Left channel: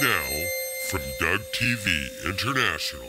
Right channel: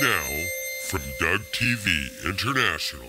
And now, from Doug TV International.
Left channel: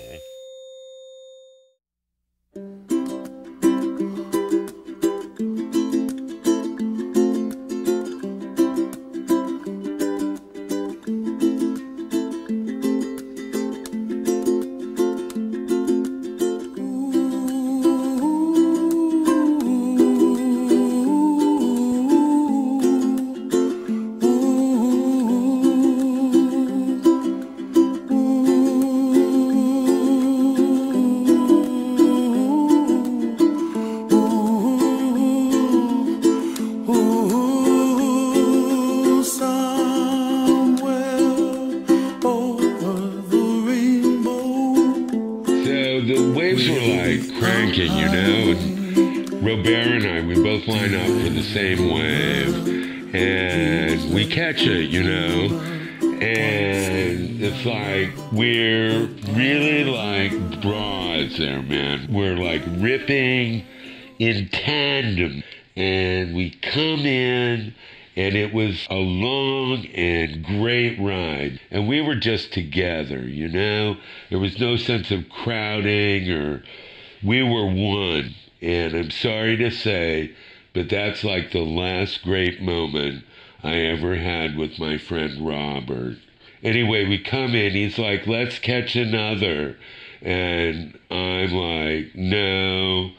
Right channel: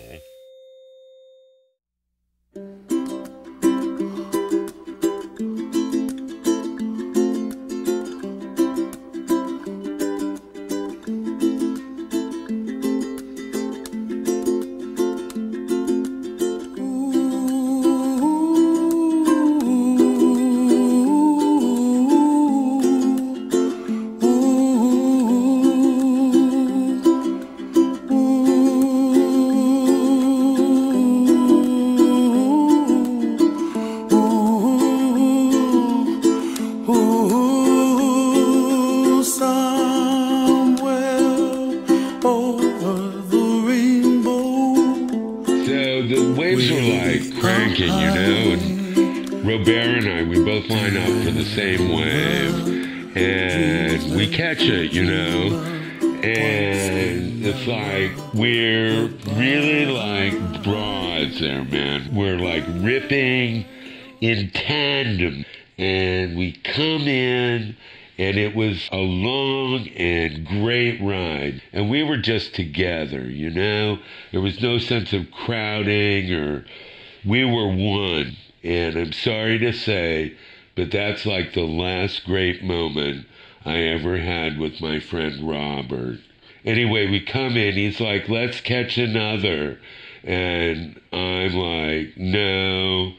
In tandem, and we come in, and it was a long and great ride, and we were just together, you know. There was no sense of crowding, or we were one. And I'm sorry to say, but that's like the last great moment I ever had with my friend Robert. Anyway, we come in, he's like, let's catch another, and I'm like, no.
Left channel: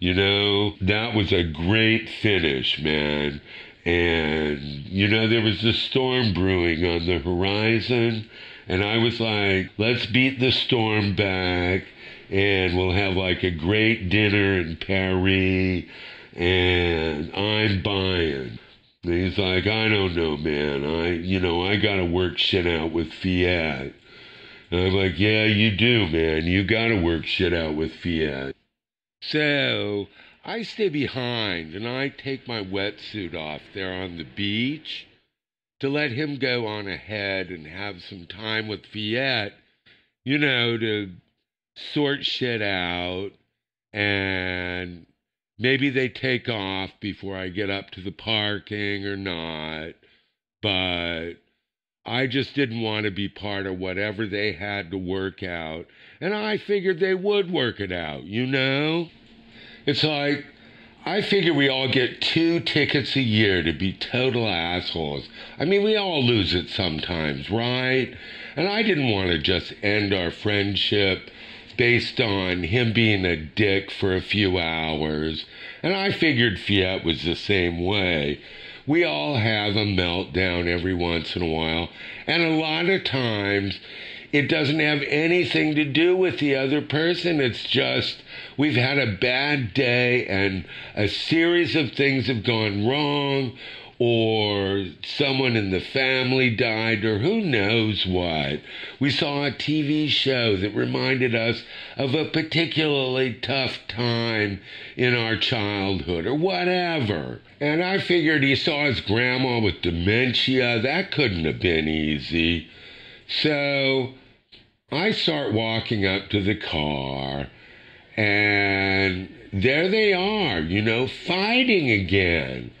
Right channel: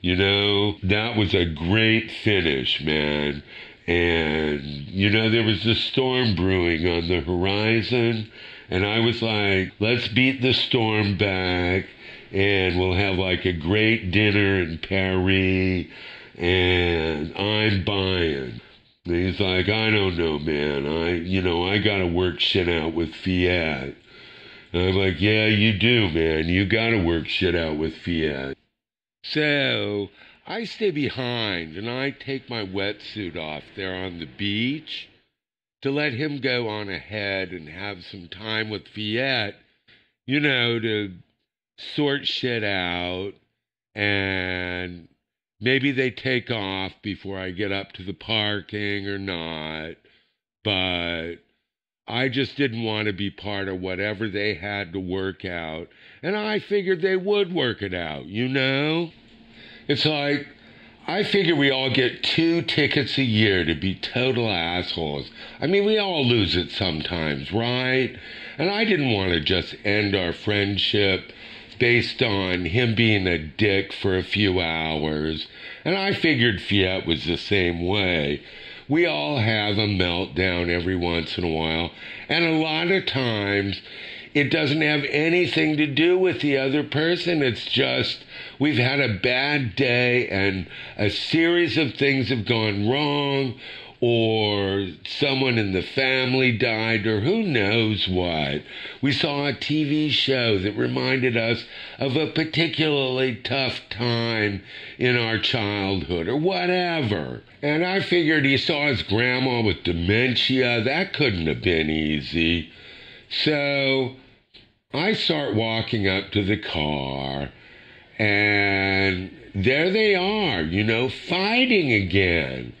You know, that was a great finish, man. And, you know, there was a storm brewing on the horizon. And I was like, let's beat the storm back. And we'll have like a great dinner in Paris. And I'm buying. And he's like, I don't know, man. I got to work shit out with Fiat. And I'm like, yeah, you do, man. You got to work shit out with Fiat. So, I stay behind, and I take my wetsuit off there on the beach to let him go on ahead and have some time with Fiat, you know, to sort shit out, and maybe they take off before I get up to the parking or not, but I just didn't want to be part of whatever they had to work out. And I figured they would work it out, you know? It's like, I figure we all get 2 tickets a year to be total assholes. I mean, we all lose it sometimes, right? And I didn't want to just end our friendship based on him being a dick for a few hours. And I figured Fiat was the same way. We all have a meltdown every once in a while. And a lot of times, it doesn't have anything to do with the other person. It's just, we've had a bad day and a series of things have gone wrong, or someone in the family died, or who knows what. We saw a TV show that reminded us of a particularly tough time in our childhood, or whatever. And I figured he saw his grandma with dementia. That couldn't have been easy. So I start walking up to the car, and there they are, you know, fighting again.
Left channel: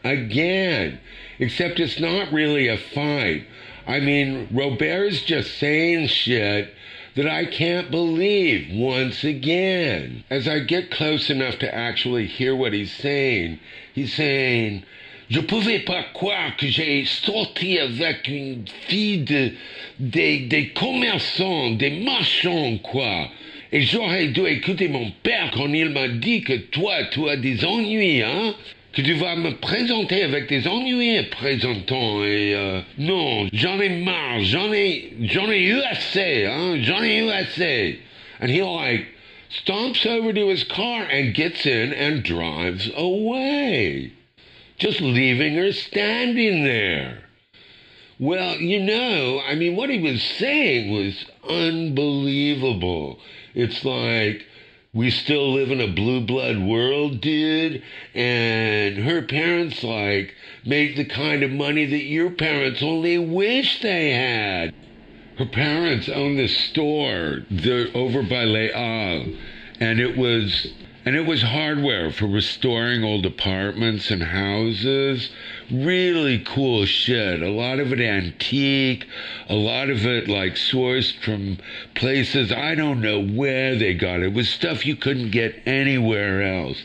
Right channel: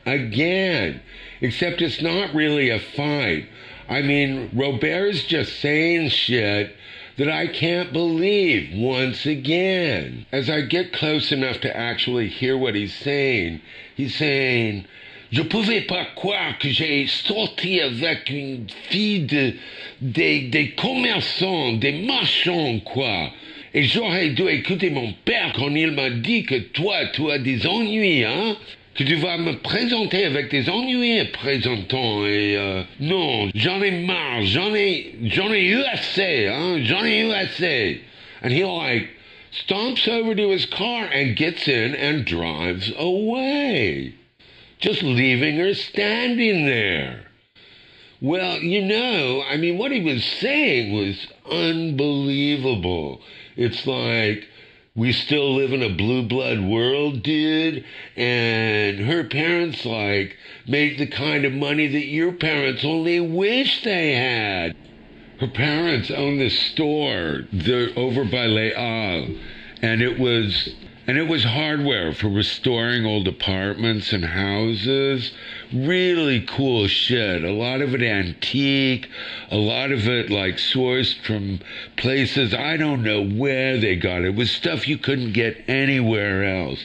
Except it's not really a fight. I mean, Robert's just saying shit that I can't believe once again. As I get close enough to actually hear what he's saying Je pouvais pas croire que j'ai sorti avec une fille des commerçants, des marchands, quoi. Et j'aurais dû écouter mon père quand il m'a dit que toi, tu as des ennuis, hein? Que tu vas me présenter avec des ennuis présentant. Et non, j'en ai marre, j'en ai eu assez, hein? J'en ai eu assez. And he like stomps over to his car and gets in and drives away. Just leaving her standing there. Well, you know, I mean, what he was saying was unbelievable. It's like, we still live in a blue blood world, dude, and her parents, like, make the kind of money that your parents only wish they had. Her parents owned this store over by Les Halles, and it was hardware for restoring old apartments and houses really cool shit. A lot of it antique, a lot of it like sourced from places I don't know where they got it. It was stuff you couldn't get anywhere else.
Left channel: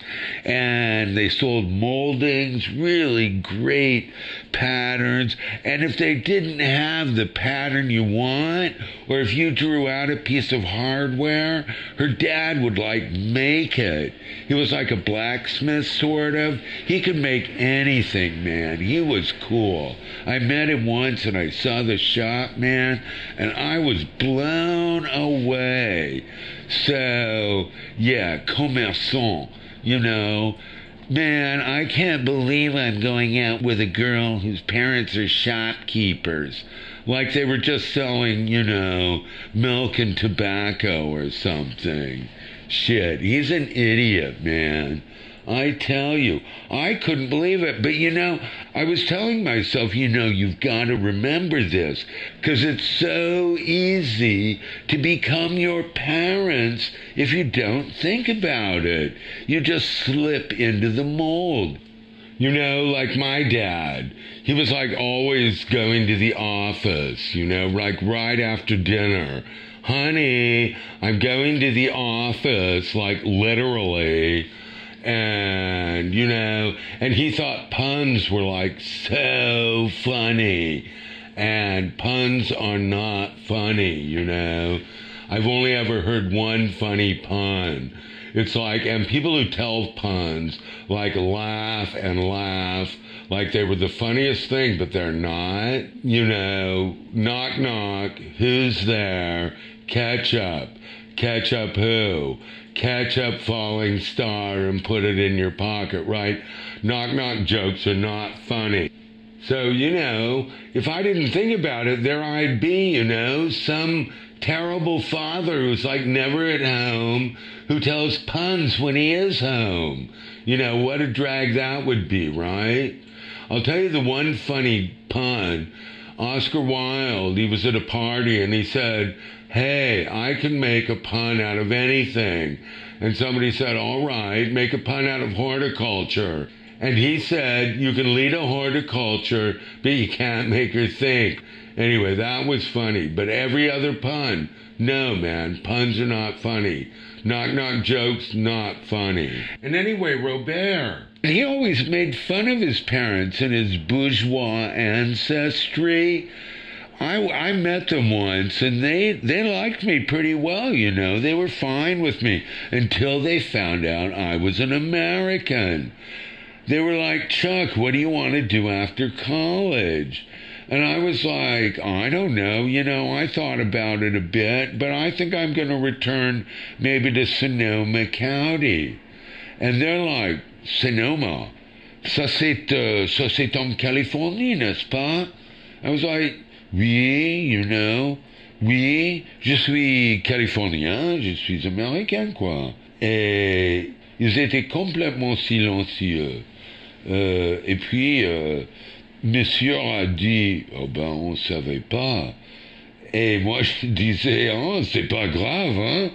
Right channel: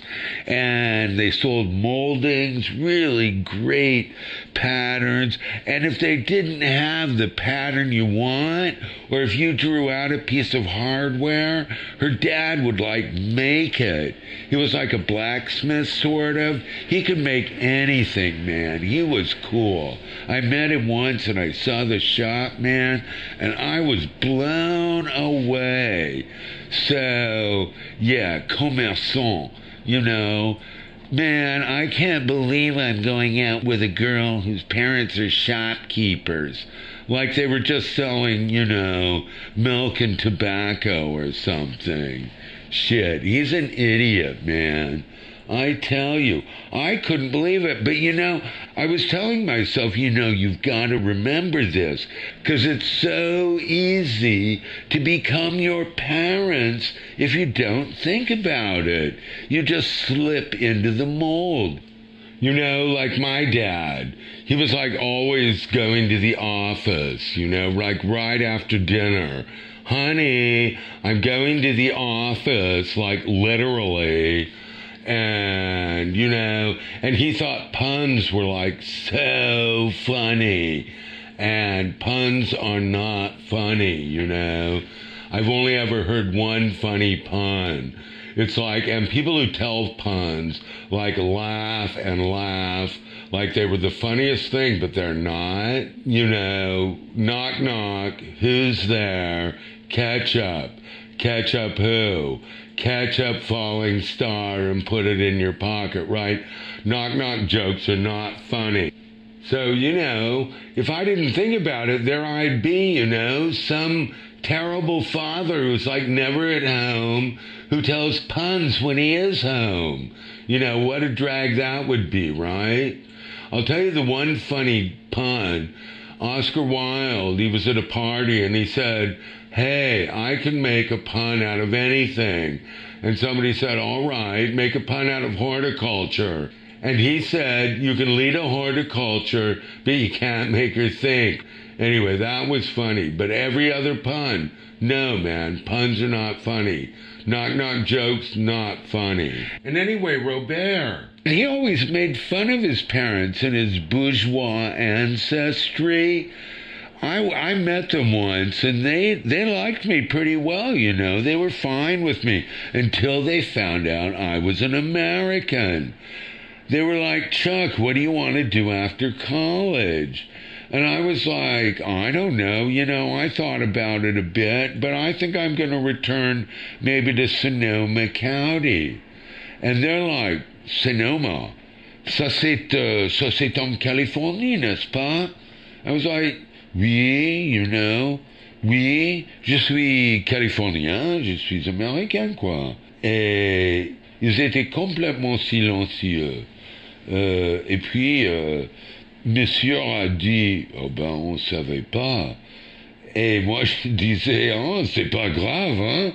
And they sold moldings, really great patterns. And if they didn't have the pattern you want, or if you drew out a piece of hardware, her dad would like make it. He was like a blacksmith, sort of. He could make anything, man. He was cool. I met him once and I saw the shop, man, and I was blown away. So, yeah, commerçant, you know. Man, I can't believe I'm going out with a girl whose parents are shopkeepers. Like they were just selling, you know, milk and tobacco or something. Shit, he's an idiot, man. I tell you, I couldn't believe it. But, you know, I was telling myself, you know, you've got to remember this, because it's so easy to become your parents if you don't think about it. You just slip into the mold. You know, like my dad. He was like always going to the office, you know, like right after dinner. Honey, I'm going to the office, like literally. And, you know, and he thought puns were like so funny. And puns are not funny, you know. I've only ever heard one funny pun. It's like, and people who tell puns, like laugh and laugh, like they were the funniest thing, but they're not. You know, knock knock, who's there? Ketchup. Ketchup who? Ketchup falling star and put it in your pocket, right? Knock knock jokes are not funny. So, you know, if I didn't think about it, there I'd be, you know, some terrible father who's like never at home, who tells puns when he is home. You know, what a drag that would be, right? I'll tell you the one funny pun. Oscar Wilde, he was at a party and he said, hey, I can make a pun out of anything. And somebody said, all right, make a pun out of horticulture. And he said, you can lead a horticulture, but you can't make her think. Anyway, that was funny. But every other pun, no, man, puns are not funny. Knock-knock jokes, not funny. And anyway, Robert, he always made fun of his parents and his bourgeois ancestry. I met them once, and they liked me pretty well, you know. They were fine with me until they found out I was an American. They were like, Chuck, what do you want to do after college? And I was like, I don't know, you know, I thought about it a bit, but I think I'm going to return maybe to Sonoma County. And they're like, Sonoma? Ça c'est en Californie, n'est-ce pas? I was like, oui, you know, oui, je suis californien, je suis américain, quoi. Et ils étaient complètement silencieux. Et puis, monsieur a dit, oh ben, on savait pas. Et moi, je disais, oh, c'est pas grave, hein.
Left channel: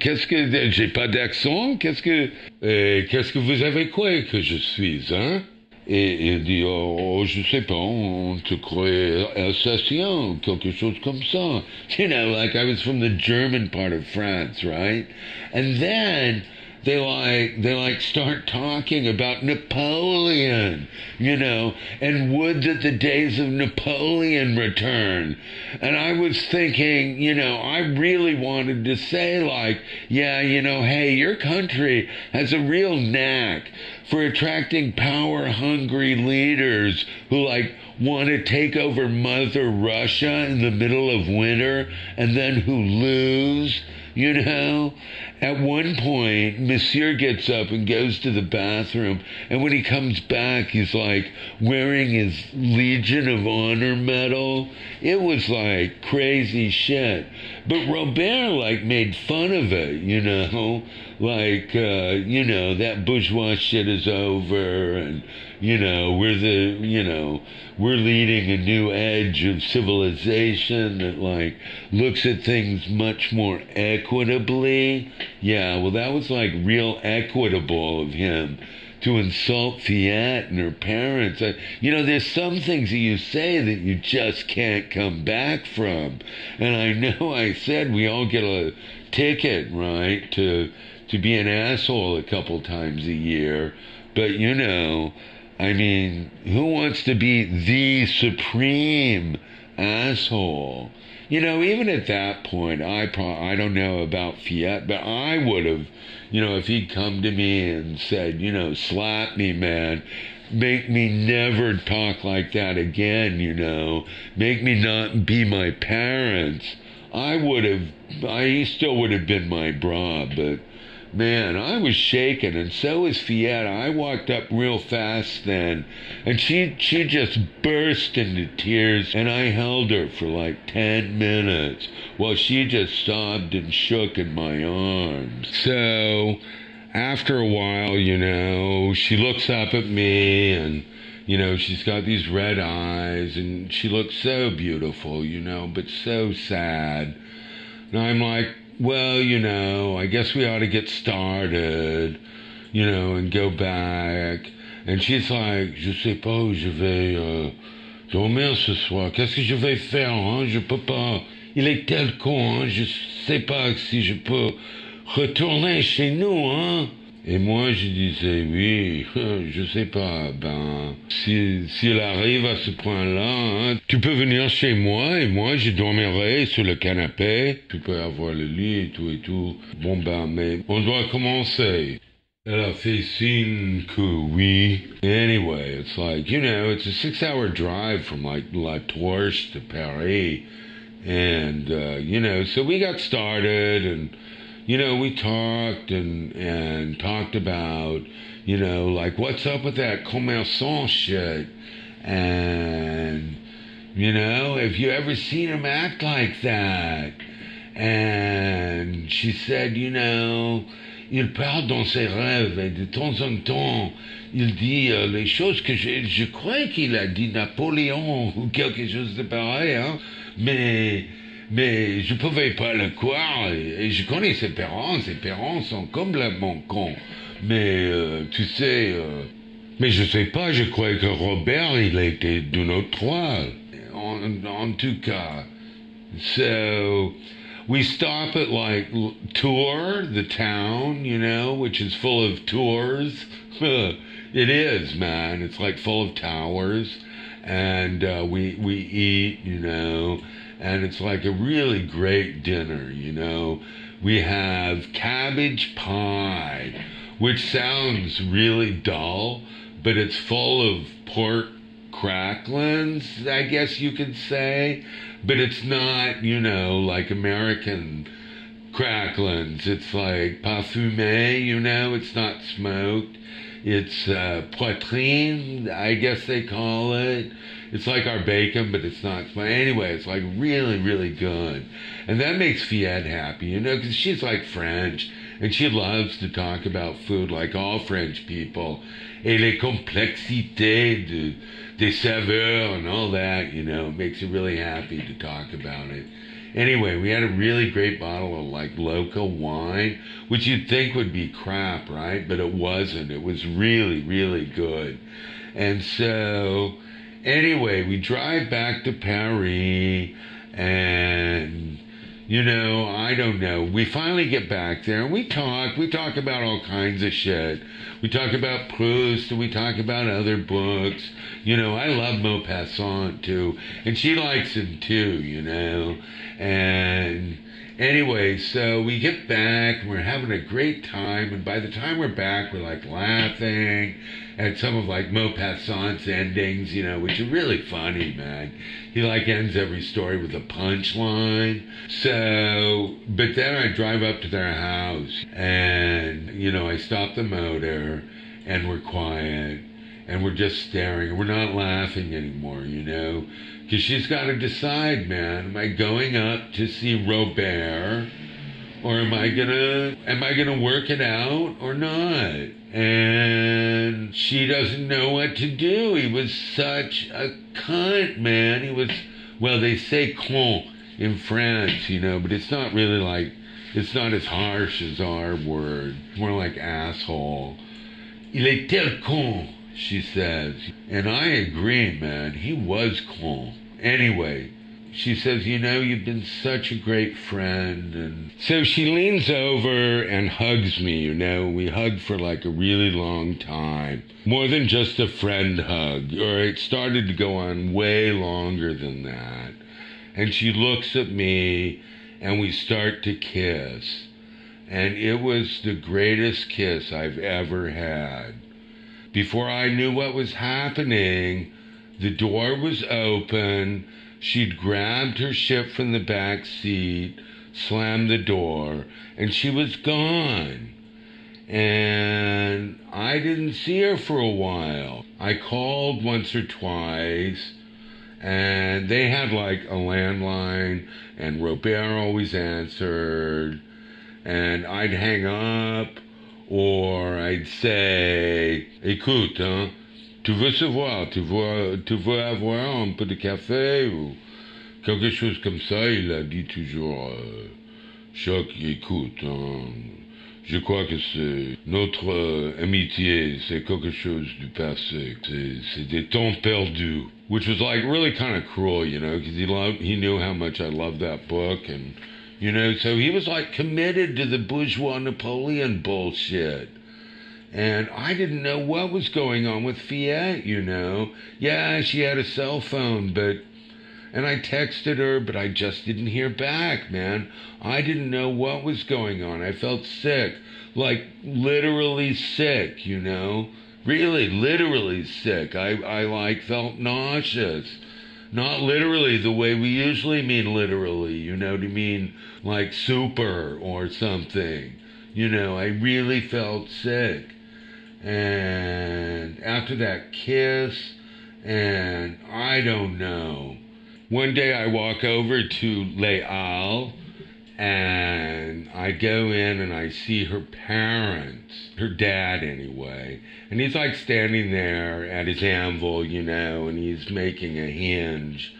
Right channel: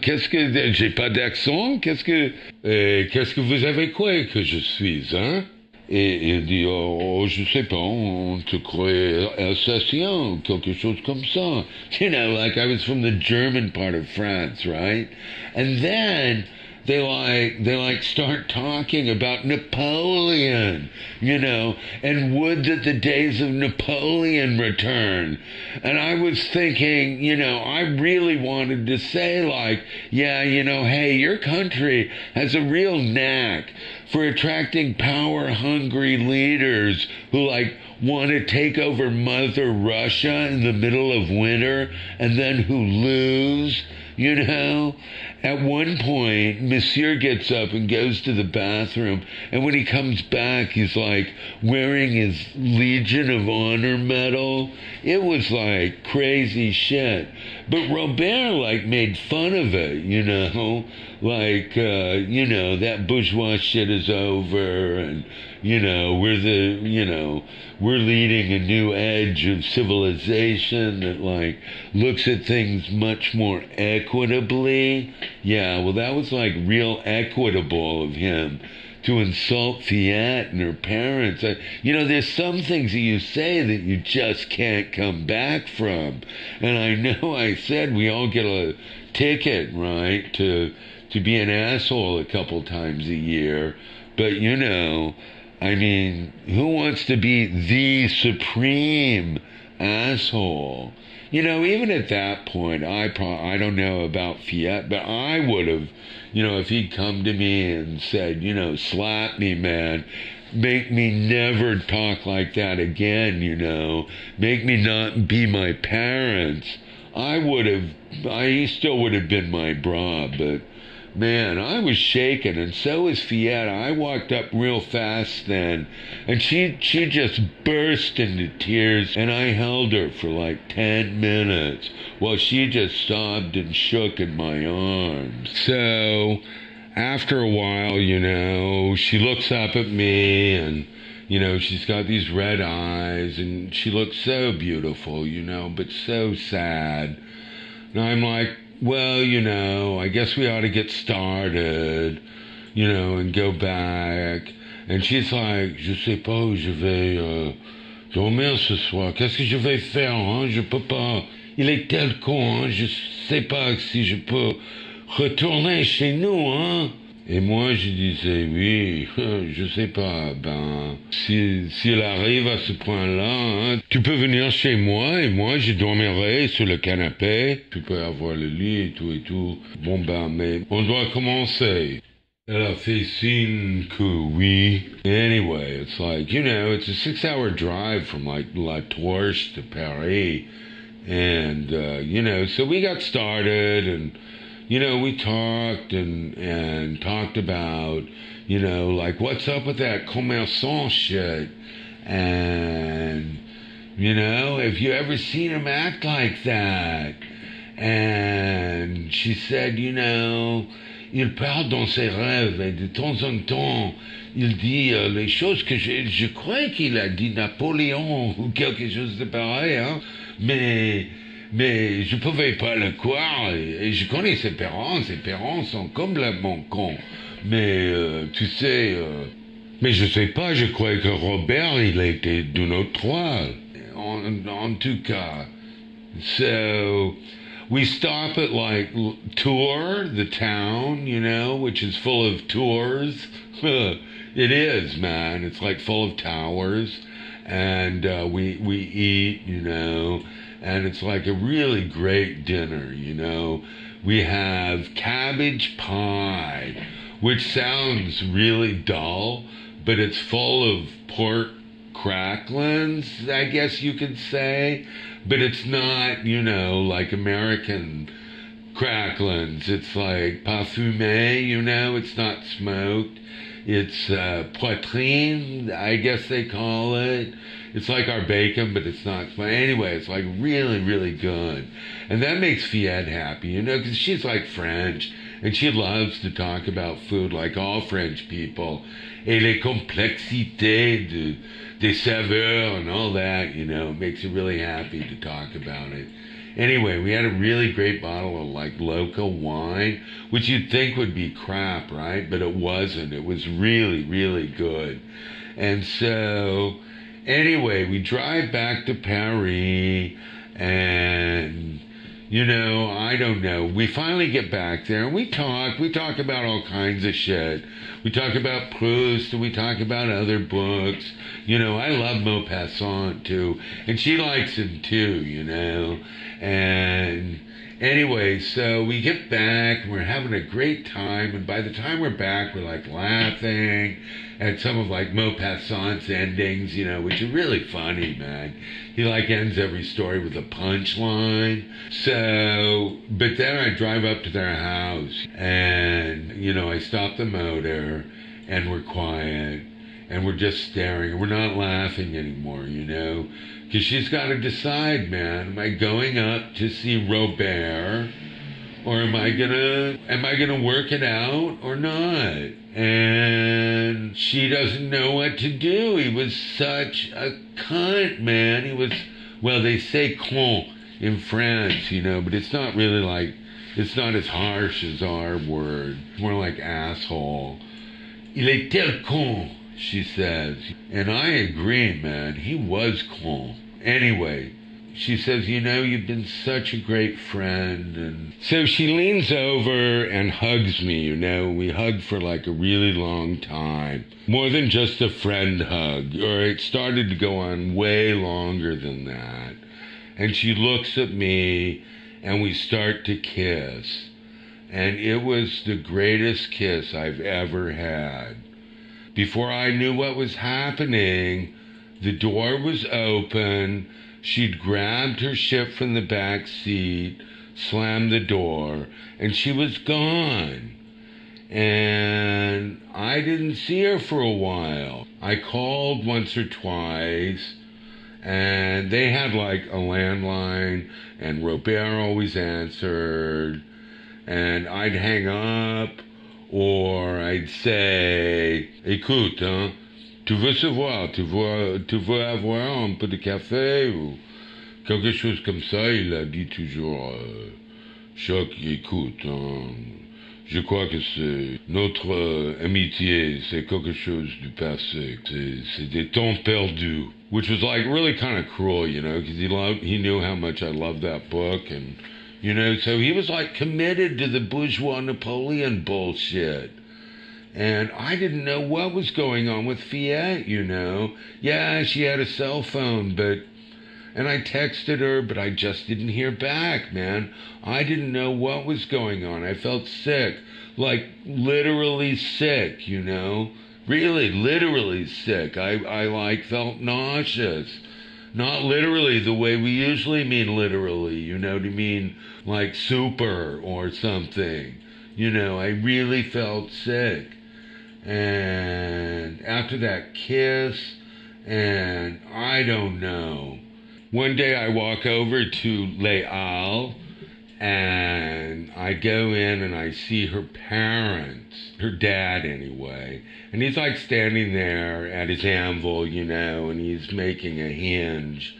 Qu'est-ce que, j'ai pas d'accent, qu'est-ce que vous avez quoi que je suis, hein? Et il dit, oh, je sais pas, on te croit alsacien, quelque chose comme ça. You know, like I was from the German part of France, right? And then they start talking about Napoleon, you know, and would that the days of Napoleon return. And I was thinking, you know, I really wanted to say like, yeah, you know, hey, your country has a real knack for attracting power-hungry leaders who, like, want to take over Mother Russia in the middle of winter and then who lose, you know? At one point, Monsieur gets up and goes to the bathroom, and when he comes back, he's, like, wearing his Legion of Honor medal. It was, like, crazy shit. But Robert, like, made fun of it, you know? Like, you know, that bourgeois shit is over, and, you know, we're leading a new age of civilization that, like, looks at things much more equitably. Yeah, well, that was, like, real equitable of him to insult Fiat and her parents. There's some things that you say that you just can't come back from. And I know I said we all get a ticket, right, to be an asshole a couple times a year. But, I mean, who wants to be the supreme asshole? Even at that point, I don't know about Fiat, but I would have, if he'd come to me and said, slap me, man, make me never talk like that again, make me not be my parents, he still would have been my bra, but man, I was shaking, and so was Fiat. I walked up real fast then, and she just burst into tears, and I held her for like 10 minutes while she just sobbed and shook in my arms. So, after a while, she looks up at me, and, she's got these red eyes, and she looks so beautiful, but so sad. And I'm like, well, I guess we ought to get started, and go back. And she's like, je sais pas où je vais dormir ce soir. Qu'est-ce que je vais faire, hein? Je peux pas. Il est tel con, hein? Je sais pas si je peux retourner chez nous, hein? Et moi, je disais, oui, je sais pas, s'il arrive à ce point-là, hein, tu peux venir chez moi, et moi, je dormirai sur le canapé, tu peux avoir le lit et tout. Bon, mais on doit commencer. Elle a fait signe que oui. Anyway, it's like, it's a 6-hour drive from, like, La Torche to Paris, and, so we got started, and we talked and talked about, like, what's up with that commerçant shit? And, have you ever seen him act like that? And she said, il parle dans ses rêves, et de temps en temps, il dit les choses que je crois qu'il a dit Napoléon, ou quelque chose de pareil, hein, mais je pouvais pas le croire, et je connais ses parents sont complètement cons. Mais, mais je sais pas, je crois que Robert, il était de notre toile. En tout cas. So, we stop at, like, Tours, the town, which is full of tours. It is, man. It's, like, full of towers. And we eat, and it's like a really great dinner, We have cabbage pie, which sounds really dull, but it's full of pork cracklings, I guess you could say. But it's not, like American cracklings. It's like parfumé, it's not smoked. It's poitrine, I guess they call it. It's like our bacon, but it's not. But anyway, it's like really, really good. And that makes Fiat happy, because she's like French, and she loves to talk about food like all French people. Et les complexités des saveurs and all that, makes her really happy to talk about it. Anyway, we had a really great bottle of, like, local wine, which you'd think would be crap, right? But it wasn't. It was really, really good. And so, anyway, we drive back to Paris, and, I don't know. We finally get back there, and we talk about all kinds of shit. We talk about Proust, and we talk about other books. I love Maupassant, too, and she likes him, too, And anyway, so we get back, we're having a great time, and by the time we're back, we're, like, laughing at some of, like, Maupassant's endings, which are really funny, man. He, like, ends every story with a punchline. So, but then I drive up to their house, and, I stop the motor, and we're quiet, and we're just staring. We're not laughing anymore, because she's got to decide, man. Am I going up to see Robert, or am I gonna work it out or not? And she doesn't know what to do. He was such a cunt, man. He was, well, they say con in France, but it's not really like, it's not as harsh as our word. More like asshole. Il était con, she says. And I agree, man. He was con. Anyway, she says, you know, you've been such a great friend. And so she leans over and hugs me, you know. We hugged for like a really long time. More than just a friend hug. Or it started to go on way longer than that. And she looks at me and we start to kiss. And it was the greatest kiss I've ever had. Before I knew what was happening, the door was open. She'd grabbed her shit from the back seat, slammed the door, and she was gone. And I didn't see her for a while. I called once or twice, and they had like a landline, and Robert always answered. And I'd hang up, or I'd say, écoute, hein, tu veux se voir, tu veux avoir un peu de café, ou quelque chose comme ça. Il a dit toujours, Choc, écoute, hein, je crois que c'est notre amitié, c'est quelque chose du passé. C'est des temps perdus, which was like really kind of cruel, you know, because he knew how much I loved that book, and you know, so he was like committed to the bourgeois Napoleon bullshit. And I didn't know what was going on with Fiat, you know. Yeah, she had a cell phone, and I texted her, but I just didn't hear back, man. I didn't know what was going on. I felt sick, like literally sick, you know. Really, literally sick. I like felt nauseous. Not literally the way we usually mean literally, you know, to mean like super or something. You know, I really felt sick. And after that kiss, and I don't know. One day I walk over to Les Halles, and I go in and I see her parents, her dad anyway. And he's like standing there at his anvil, you know, and he's making a hinge.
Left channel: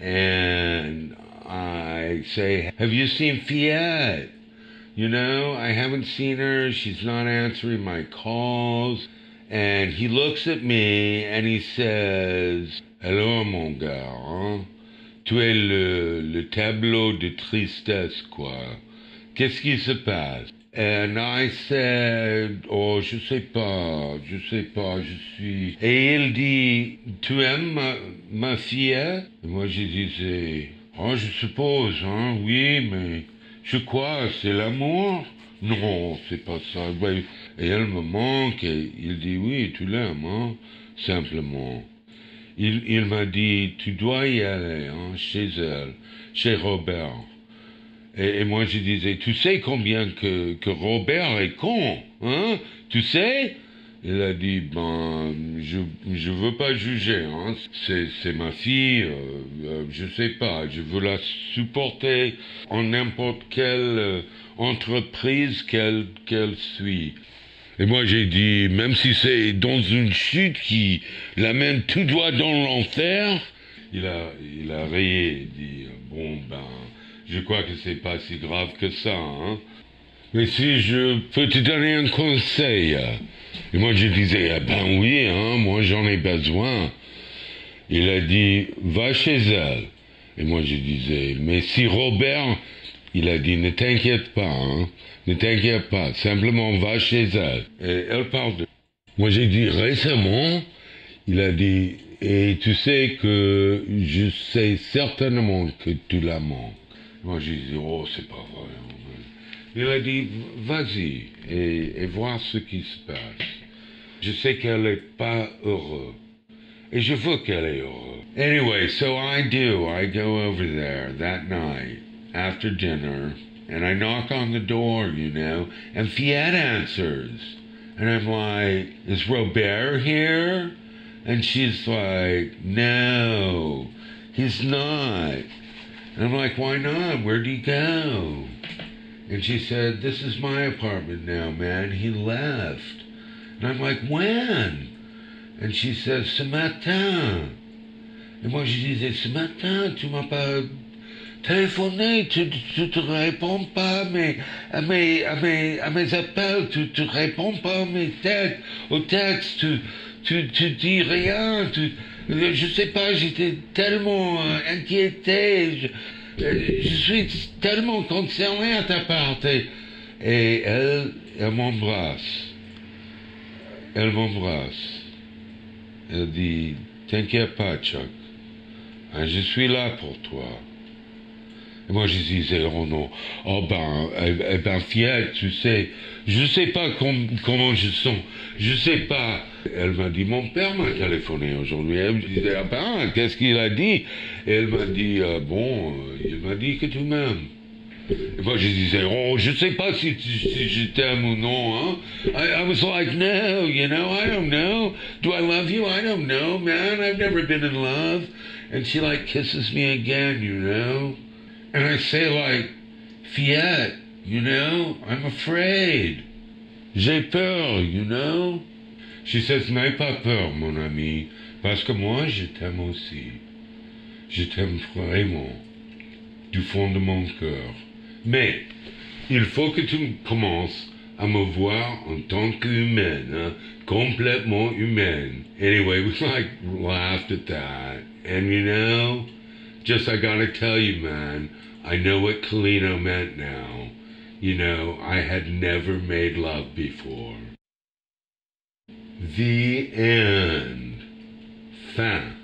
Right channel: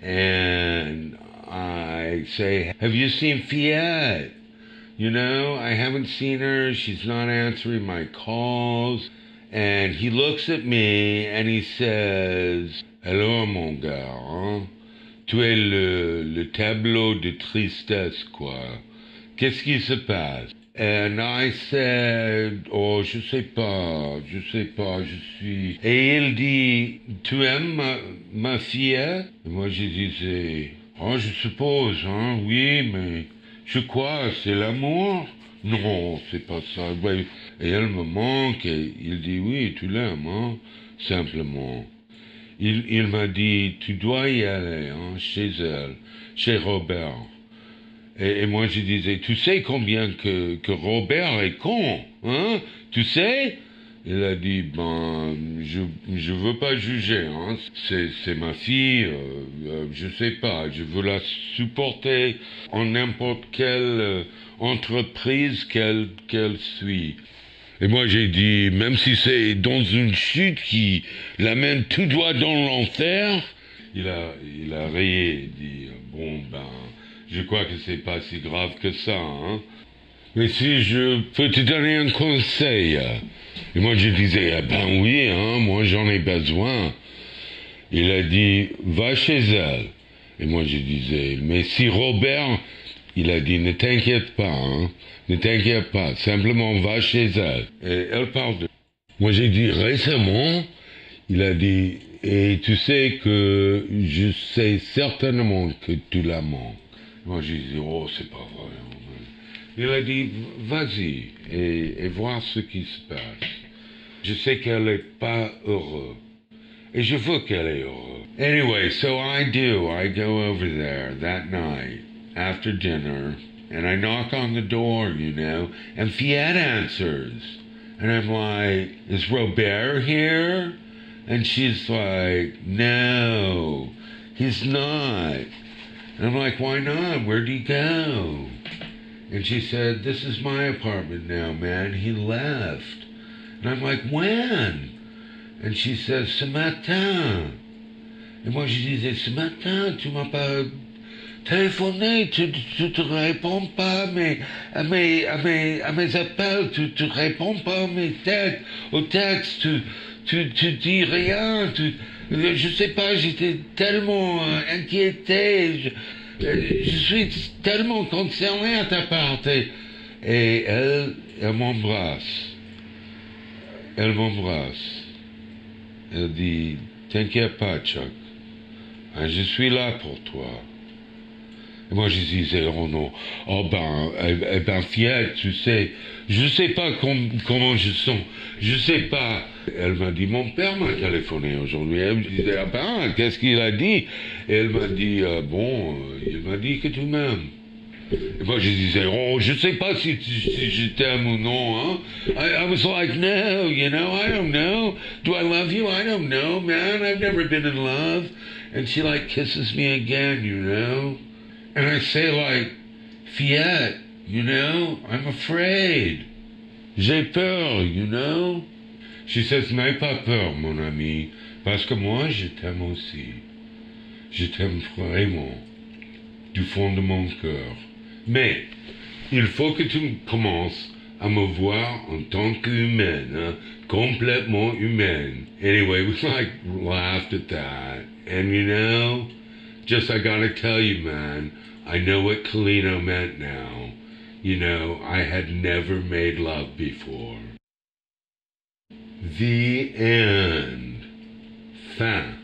And I say, have you seen Fiat? You know, I haven't seen her. She's not answering my calls. And he looks at me and he says, alors mon gars, hein? Tu es le tableau de tristesse, quoi. Qu'est-ce qui se passe? And I said, oh, je sais pas, je suis... Et il dit, tu aimes ma fille? Et moi, je disais, oh, je suppose, hein, oui, mais je crois, c'est l'amour? Non, c'est pas ça. Et elle me manque, et il dit, oui, tu l'aimes, hein, simplement. Il m'a dit, tu dois y aller, hein, chez elle, chez Robert. Et moi, je disais, tu sais combien que Robert est con, hein? Tu sais? Il a dit, ben, je veux pas juger, hein? C'est ma fille, je sais pas, je veux la supporter en n'importe quelle entreprise qu'elle suit. Et moi, j'ai dit, même si c'est dans une chute qui l'amène tout droit dans l'enfer, il a rayé, il dit, bon, ben, je crois que c'est pas si grave que ça, hein. Mais si je peux te donner un conseil. Et moi je disais, ah ben oui, hein, moi j'en ai besoin. Il a dit, va chez elle. Et moi je disais, mais si Robert, il a dit, ne t'inquiète pas, hein, ne t'inquiète pas, simplement va chez elle. Et elle parle de... Moi j'ai dit, récemment, il a dit, et tu sais que je sais certainement que tu la manques. Moi, j'ai dit, oh, c'est pas vrai. Il a dit, vas-y, et voir ce qui se passe. Je sais qu'elle n'est pas heureuse. Et je veux qu'elle est heureuse. Anyway, so I do. I go over there that night, after dinner, and I knock on the door, you know, and Fiat answers. And I'm like, is Robert here? And she's like, no, he's not. And I'm like, why not? Where'd he go? And she said, this is my apartment now, man. He left. And I'm like, when? And she says, ce matin. Et moi, je disais, ce matin, tu m'as téléphoner, tu te réponds pas à mes appels, tu réponds pas à mes textes, aux textes, tu dis rien, je sais pas, j'étais tellement inquiété, je suis tellement concerné à ta part. Et elle m'embrasse. Elle m'embrasse. Elle dit, t'inquiète pas, Chuck. Je suis là pour toi. Et moi, je disais, oh non, oh ben, fière, tu sais, je sais pas comment je sens, je sais pas. Elle m'a dit, mon père m'a téléphoné aujourd'hui. Elle me disait, ah ben, qu'est-ce qu'il a dit? Et elle m'a dit, il m'a dit que tu m'aimes. Et moi, je disais, oh, je sais pas si je t'aime ou non, hein. I was like, no, I don't know. Do I love you? I don't know, man. I've never been in love. And she, like, kisses me again, And I say, like, Fiat, I'm afraid. J'ai peur, She says, n'aie pas peur, mon ami, parce que moi, je t'aime aussi. Je t'aime vraiment, du fond de mon cœur. Mais, il faut que tu commences à me voir en tant qu'humaine, complètement humaine. Anyway, we laughed at that. And just I gotta tell you, man, I know what Kalino meant now. I had never made love before. The end. Fin.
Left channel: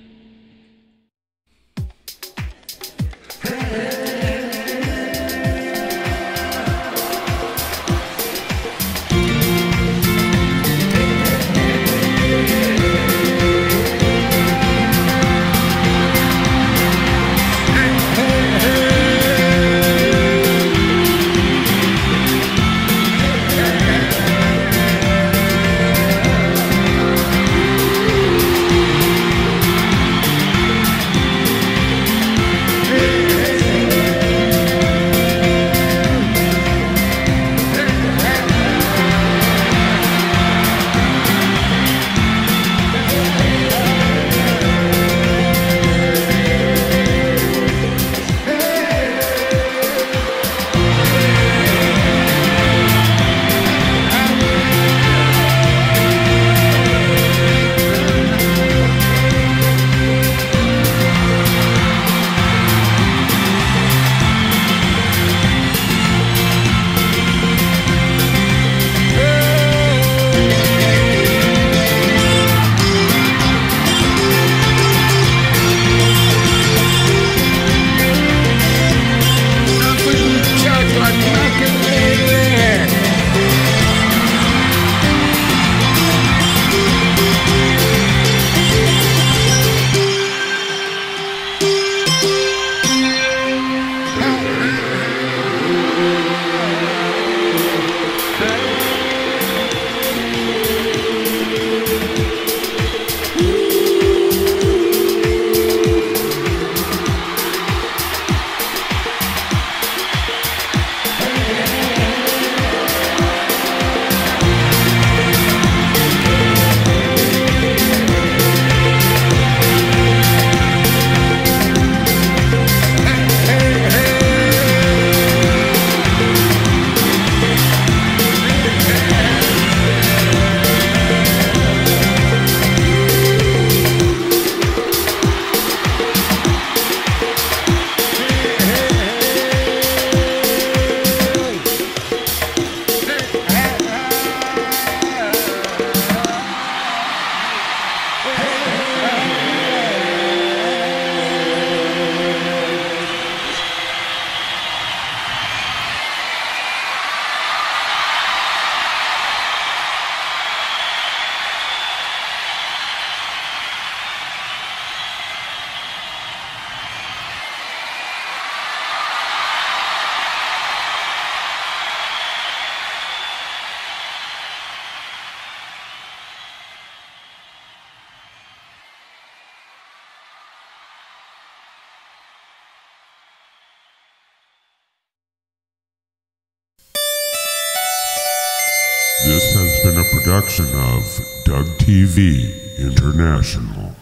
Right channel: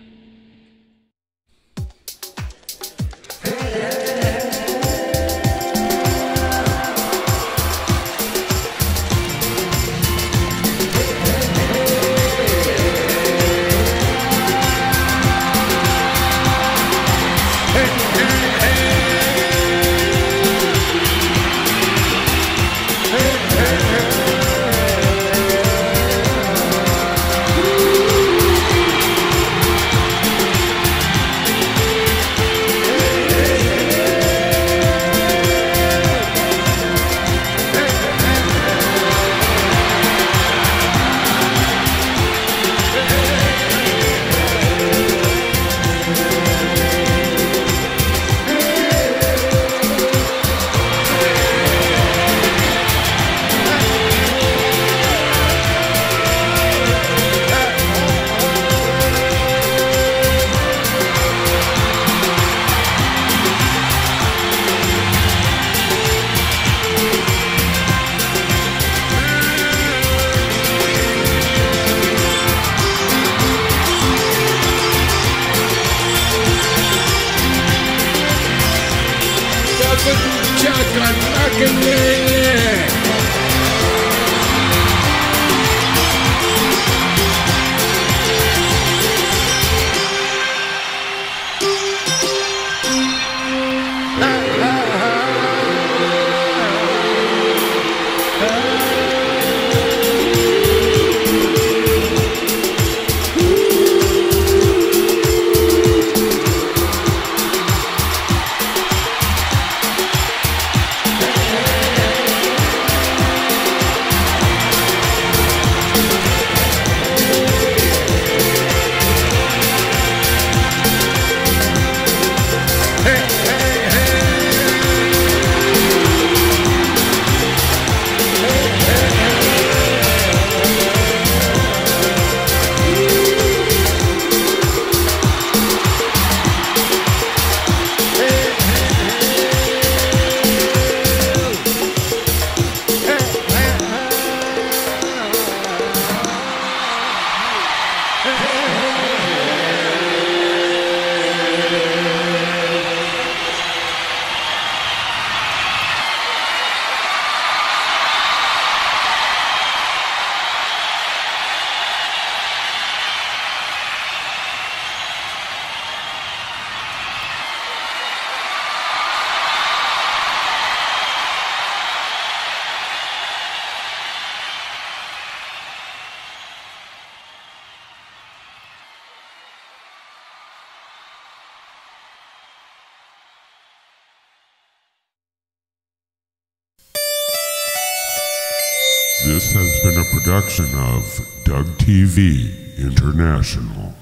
This has been a production of Doug TV International.